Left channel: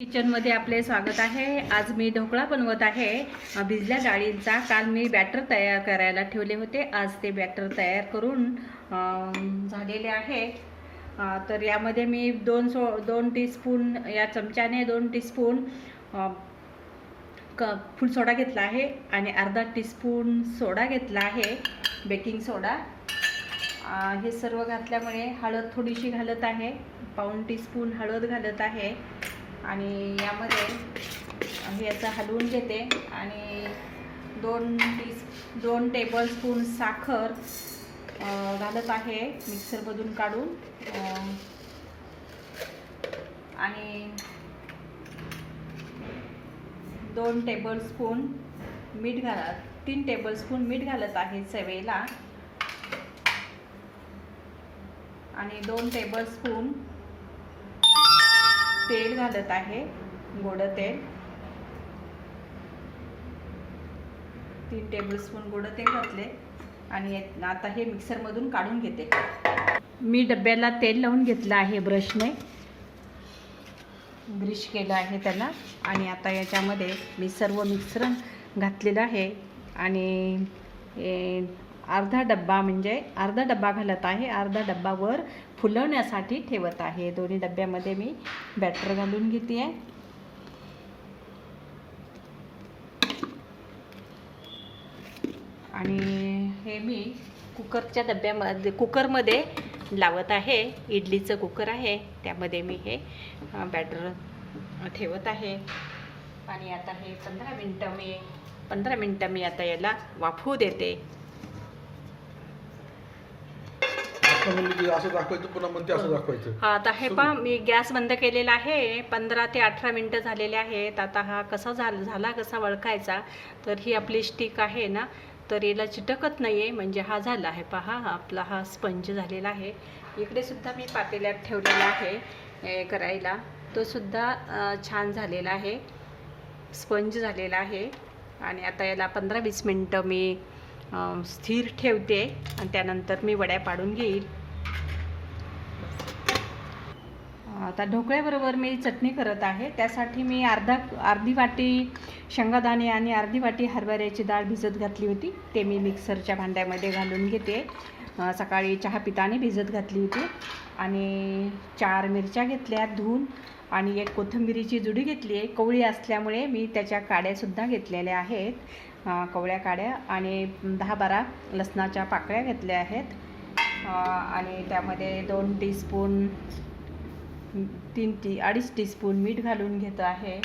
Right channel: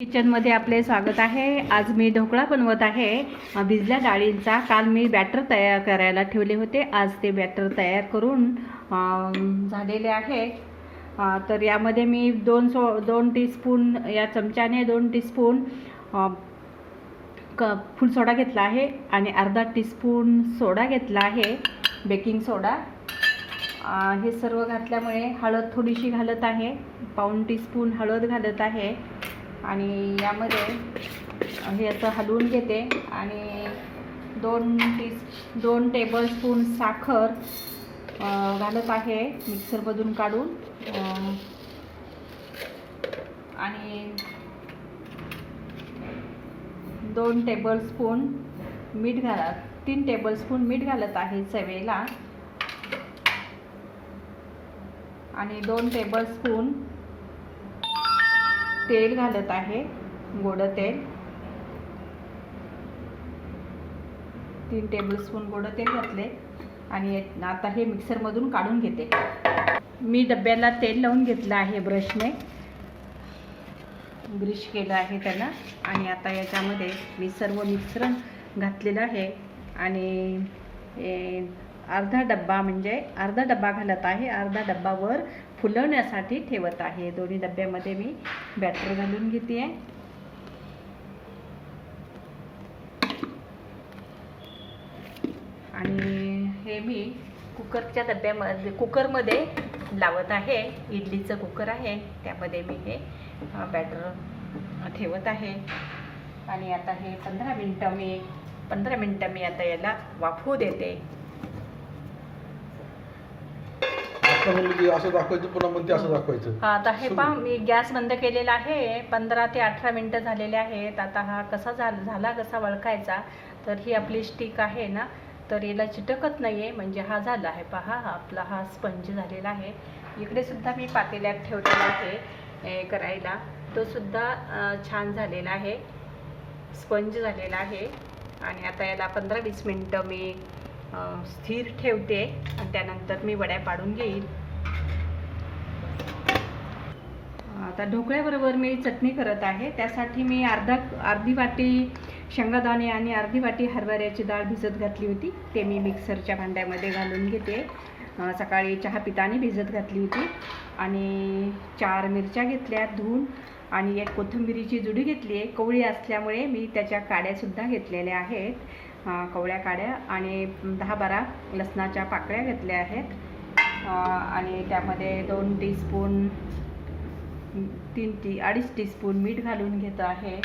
किचनमध्ये आपले स्वागत आहे। आज मी ढोकळा बनवत आहे भिजल्या डाळींचा। काल मी बॅटर तयार करायला ठेवले होते, आज ते बॅटर तयार करून झालेले आहे। तर यामध्ये मी 2 टीस्पून या चमच्याने 2 टीस्पून फुल सोडा घेतला आहे आणि अर्धा टीस्पून सोडा घेतला आहे, बेकिंग सोडा। हे सर्व घातल्यामुळे हळद थोडीशी घालत आहे, पाऊण टीस्पून हळद घालत आहे आणि यामध्ये हे असं हलवून घेते आणि 2 टेबलस्पून साखर घालत आहे मिक्सरमधून काढून आणि 2 टेबलस्पून मीठ घालत 3 टेबलस्पून मीठ घालत आहे चवेला आणि 2 टेबलस्पून तेल घालत आहे, गोड तेल। 3 टेबलस्पून गोड तेल घातले आणि आता हे मिक्सरमधून काढून घेते। मी डब्याला तेल लावून घेतलं आहे, ब्रशने ब्रश केलं आहे त्याला आणि आता याच्यामध्ये मी सर्व मिश्रण घातलेलं आहे आणि अर्धा डब्बा घालत आहे, अर्धा डब्बा वर फुलवण्यासाठी ठेवत आहे। दोन्ही डब्यामध्ये मी बॅटर घालून घेते आहे आणि हे मी कुकरमध्ये लावत आहे। इडलीचं कुकर आहे, त्यामध्ये मी हे बॅटर ठेवत आहे आणि आता हे 15 मिनिटं मी आता याला वाफवू देते। असं दाखवायचं पुन्हा म्हणते असं दाखवायचं। आता हे पहा, मी गॅस बंद केलेला आहे। 15 ते 18 मिनिटं झालेले आहेत। आता हा कसा झाला कसा ओळखायचा, तर ही आपली स्टिक आहे ना, तर याला चिटकत नाही आहे, म्हणजे हा झाला आहे। पहा, आपला हा स्पंज झालेला आहे। इकडे सुद्धा मी पातेल्यात ठेवलेला आहे करायला, तो सुद्धा छान झालेला आहे, स्पंज झालेला आहे। आणि आता याला 15-20 मिनिटं मी स्थिर ठेवते आणि त्यानंतर मी वड्या पाडून घेईल। आता ढोकळ्याबरोबर मी चटणी करत आहे, त्यासाठी मी अर्धी वाटी शेंगादाणे आणि अर्धी वाटी हरभऱ्याची डाळ भिजत घातली होती, ते मी मिक्सरच्या भांड्यामध्ये घालून घेते। सकाळी चहा पिताने भिजत घातली होती आणि 4 मिरच्या घेतल्या धुवून आणि 1 कोथिंबीरीची जुडी घेतली आहे। कवळी असल्यामुळे मी त्याच्या काड्यासुद्धा घेतलेल्या आहेत, कवळ्या काड्या, आणि 10-12 लसणाच्या पाकळ्या घेतल्या आहेत आणि त्यामध्ये 2 टीस्पून 2.5 टीस्पून मीठ घालून घेत आहे।